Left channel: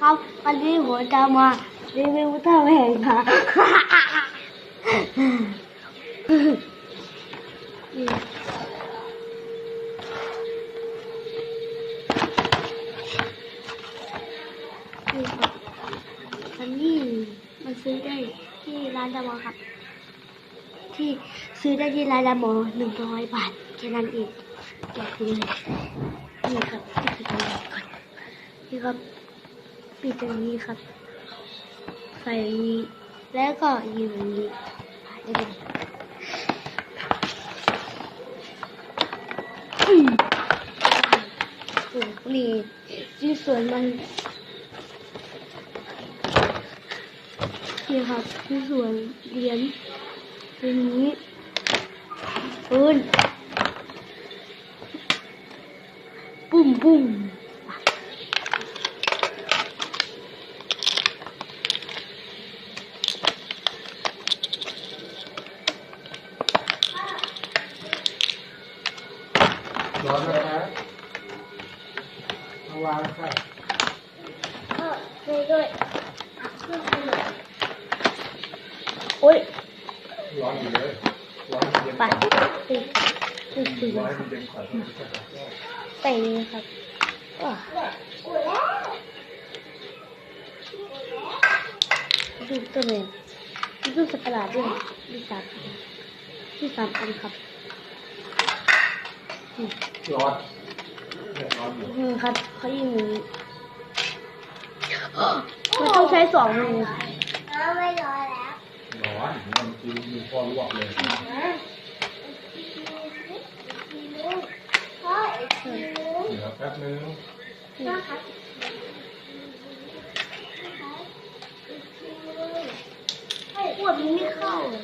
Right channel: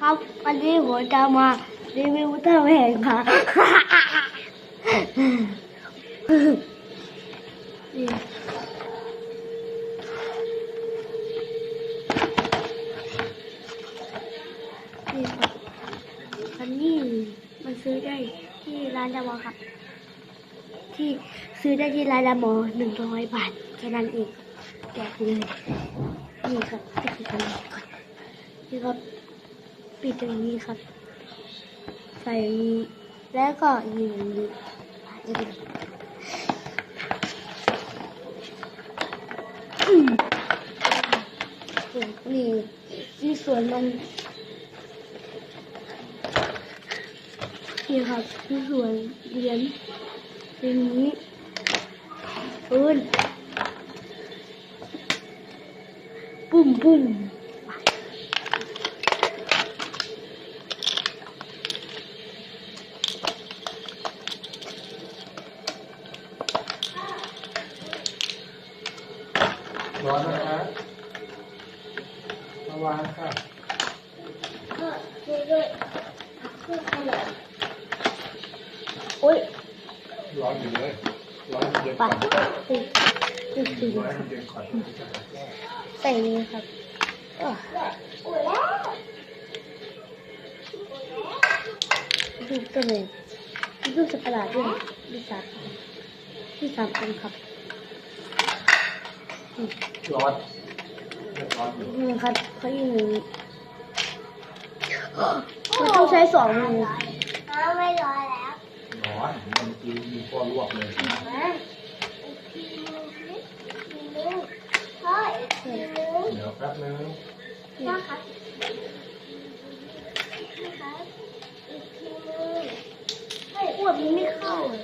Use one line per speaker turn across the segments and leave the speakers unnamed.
ครับวันนี้ผมจะมารีวิวอุลตร้าแมนครับนี่นี่ครับอันนี้มันซื้อได้ที่ร้านดามอครับ ที่ซื้อได้ที่ร้านดามอหนึ่งร้อยบาทแค่นั้นเองแกะเลยนี่ครับปิดตรงนี้ก่อนนี่ครับ ปิดตรงนี้ครับ ใส่อย่างนี้ แล้วก็ยิงอย่างนี้โอ้นี่ที่สวนมันนี่ครับที่สวนเรียนเป็นนี้ปืนปุ้มปุ้ม
ร้อนนะครับมาวางค่ะ
ก็ช่วยด้วยเพื่อขนมโอ้ย
ร้อนอยู่เลยร้อนเย็น
ไป
ก่น
ตึ๊ดตึ๊ดตึ๊ด
ร้อน
ครับ
เย็นก่อนแล้วจะ
ครับดูตัวเลยดูสัตว์ประหลาดด้วยดูสัตว์ดูสามอันครับ
ร้อนร้อนอยู่
อืมครับเขายิงอย่างนี้มันต้องใช้สองมือ
ไม่ร้อยแล้ว
ร้อนมันกินมีพอลวกเลย
พ่ออีกทีนึง
เดี๋ยวแป๊บนึง
พ่อครับอีกทีนึงอีกทีนึง
ขวดมันไม่เข้าเลย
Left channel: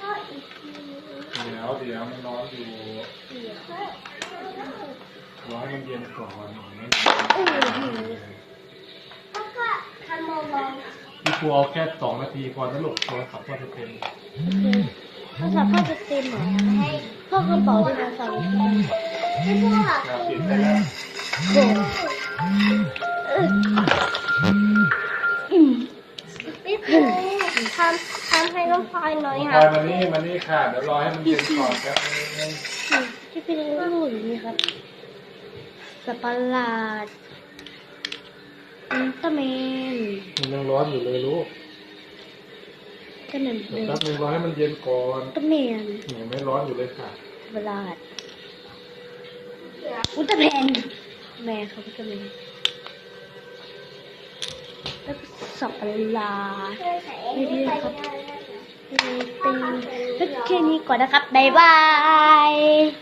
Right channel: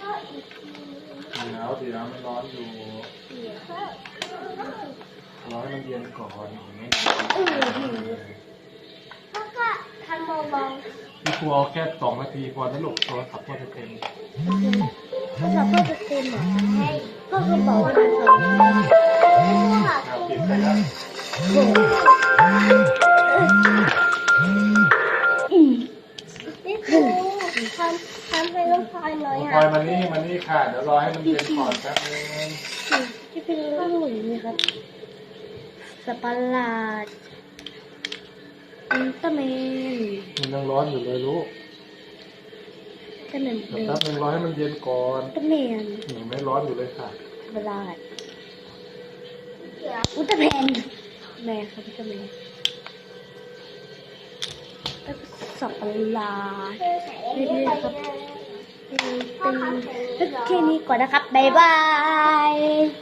พ่ออีกทีนึง
เดี๋ยวเดี๋ยวมันร้อนอยู่
พ่อ
ร้อนมันเย็นก่อนนั่น
พ่อก็ทำเบา
พี่ครูเอาแค่สองนาทีพอนะลูกโทรศัพท์พอจะเป็น
โอเคโทรศัพท์พ่อจะเต็มเหรอให้พ่อกระเป๋าจะเป็นสองใบ
ๆไม่พ่อ
ครับปิดไปแล้ว
โอ้เอ้ยอืม
พี่ปู ทำทำให้น้องพลอยหน่อย
น้องพล
ค่ะ
อยมานี่มานี่ค่ะ เดี๋ยวรอให้มันเย็นก่อนแป๊บนึง
ที่เป็นรูปอย่างนี้ครับสัตว์ประหลาดอุลตร้าแมน
มันยังร้อนอยู่เลยลูก
ก็เหมือน
เดี๋
เดิ
ยว
ม
แป๊บนึงรอให้มันเย็นก่อน
อุลตร้าแมน
ยังไม่ร้อนอยู่เลยค่ะ
ประหลาดอุลตร้าแมนแม่ครับอุลตร้าแมนแล้วก็ สับปะหลาด
ช่วยใส่อันนี้ได้
เป็นเป็นแค่นี้ก่อนนะครับ บ๊ายบาย